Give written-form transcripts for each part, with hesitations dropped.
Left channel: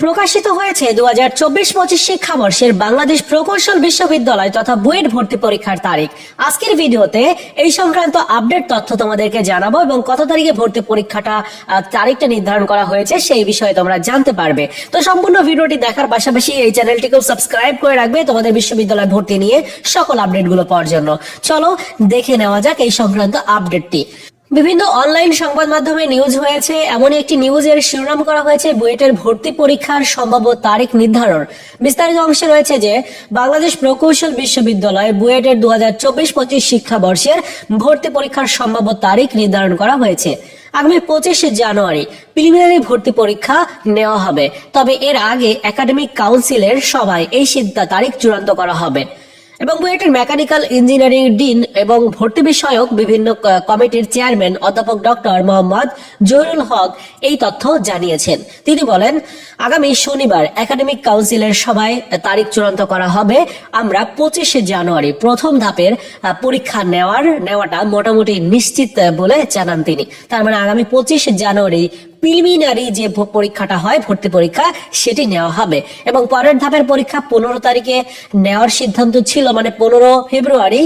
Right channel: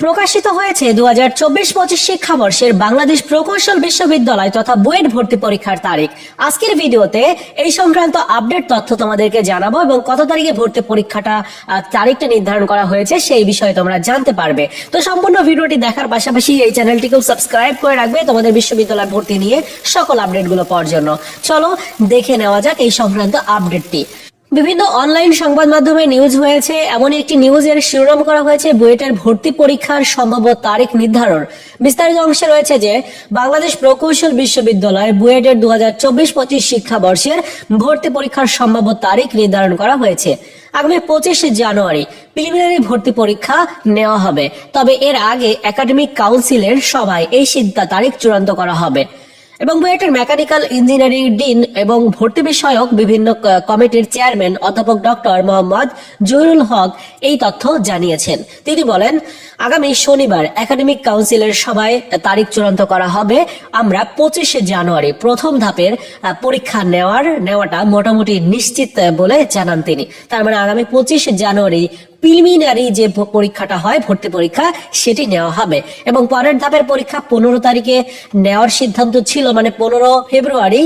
প্রকাশিত হয়েছে 2024-25 শিক্ষাবর্ষের বাংলাদেশ প্রকৌশল বিশ্ববিদ্যালয় তথা বুয়েট ভর্তি পরীক্ষার তারিখ। আজকের ভিডিওতে এই সংক্রান্ত আপডেট তথ্য তোমাদেরকে জানাবো এবং কত তারিখে ভর্তি পরীক্ষাটা তারিখটা নির্ধারণ করা হয়েছে সেই বিষয়ে তোমরা জানতে পারবে। তো সম্পূর্ণ ভিডিওটি দেখার পাশাপাশি এই চ্যানেলটিকেও সাবস্ক্রাইব করে রাখবে তোমাদের বিশ্ববিদ্যালয় ভর্তি নিয়ে সকল আপডেটগুলো পাওয়ার জন্য। চলো দেখে নেওয়া যাক এই সংক্রান্ত আপডেটটি। বিভিন্ন অনলাইন সংবাদ মাধ্যমে নিউজ হয়েছে, এমন একটি নিউজের শিরোনাম করা হয়েছে বুয়েটের ভর্তি পরীক্ষার সম্ভাব্য তারিখ নির্ধারণ। বিস্তারিত অংশে রয়েছে যে বাংলাদেশ প্রকৌশল বিশ্ববিদ্যালয় বুয়েটের 2024-25 শিক্ষাবর্ষের ভর্তি পরীক্ষার সম্ভাব্য তারিখ নির্ধারণ করা হয়েছে। আগামী 25 জানুয়ারি প্রিলিমিনারি ভর্তি পরীক্ষা নেওয়া হবে, তবে এর আগে একাডেমিক কাউন্সিলের সভায় এই তারিখ চূড়ান্ত করা হবে এবং বুয়েটের মেকানিক্যাল ইঞ্জিনিয়ারিং ডিন এবং ভর্তি বিষয়ক বিভিন্ন কমিটির চেয়ারম্যান অধ্যাপক ডক্টর মোহাম্মদ জহিরুল হক এই তথ্য জানিয়েছেন। তিনি বলেন, আগামী শনিবার একাডেমিক কাউন্সিলের সভায় তারিখ চূড়ান্ত করা হবে। আমরা 25 জানুয়ারি প্রথম ধাপের পরীক্ষা নেওয়াটা মোটামুটি নিশ্চিত বলে জানান তিনি। তার মানে আগামী 25 জানুয়ারি প্রিলিমিনারি যে পরীক্ষাটা হয় ভর্তি পরীক্ষা সেটি নেওয়া হবে এবং পরের ধাপের পরীক্ষা 15 তারিখে নেওয়ার সিদ্ধান্ত ছিল, মানে 15 ফেব্রুয়ারি।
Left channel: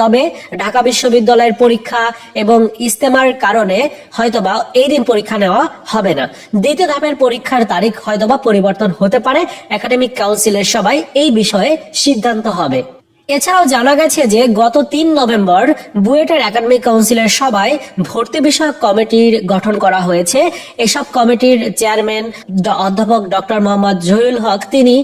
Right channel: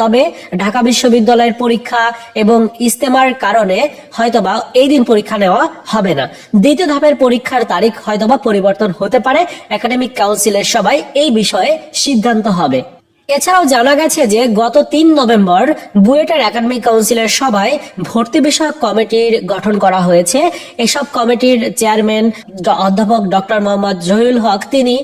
তবে ঢাকা বিশ্ববিদ্যালয়ের পরীক্ষা এবং ইজতেমার কারণে হয়তোবা এই দিন পরীক্ষা নেওয়া হবে না। দ্বিতীয় ধাপের পরীক্ষার তারিখ হয়তোবা পরিবর্তন হতে পারে। একাডেমিক কাউন্সিলের সভায় এই বিষয়ে সিদ্ধান্ত হবে। এছাড়াও জানা গেছে যে গত 3 নভেম্বর বুয়েটের একাডেমিক কাউন্সিলের সভায় ভর্তি বিষয়ক কমিটির গঠন করা হয়েছে। এসব কমিটির চেয়ারম্যান অধ্যাপক ডক্টর মোহাম্মদ জহিরুল হক তিনি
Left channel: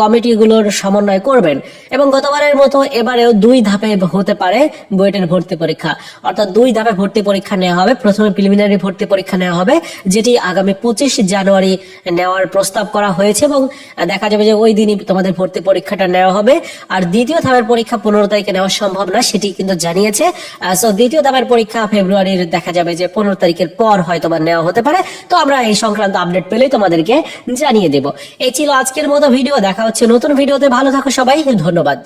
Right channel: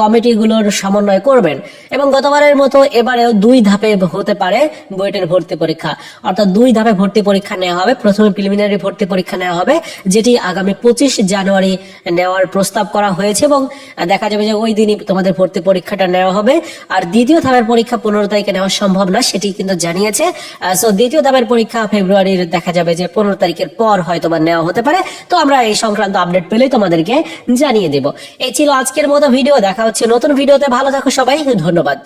কমিটিগুলোর সমন্বয় করবেন এবং গতবারের মতো এবারেও 2 ধাপে হতে পারে বুয়েটের ভর্তি পরীক্ষা, অর্থাৎ 2 ধাপে ভর্তি পরীক্ষা নেওয়া হবে। প্রথমে প্রিলিমিনারি ভর্তি পরীক্ষা নেওয়া হবে, যেটি আগামী 25 জানুয়ারি নেওয়ার প্রস্তাব করা হয়েছে এবং দেখা যাবে যে ওই দিনই তোমাদের ভর্তি পরীক্ষাটা নেওয়া হবে। আর দ্বিতীয় ধাপের পরীক্ষা 15 তারিখে নেওয়া সম্ভব না, সেটি কিন্তু জানিয়েছে। দ্বিতীয় ধাপের পরীক্ষা ফেব্রুয়ারির দেখা যাবে যে 15 তারিখের পর হয়তো বা নেওয়া হতে পারে। তো আমরা এই সংক্রান্ত আপডেট পেলে তোমাদেরকে জানিয়ে দেব। এই ছিল আজকের মতো ভিডিও। দেখা হচ্ছে নতুন ভিডিওতে। ভালো থাকো সবাই, ধন্যবাদ।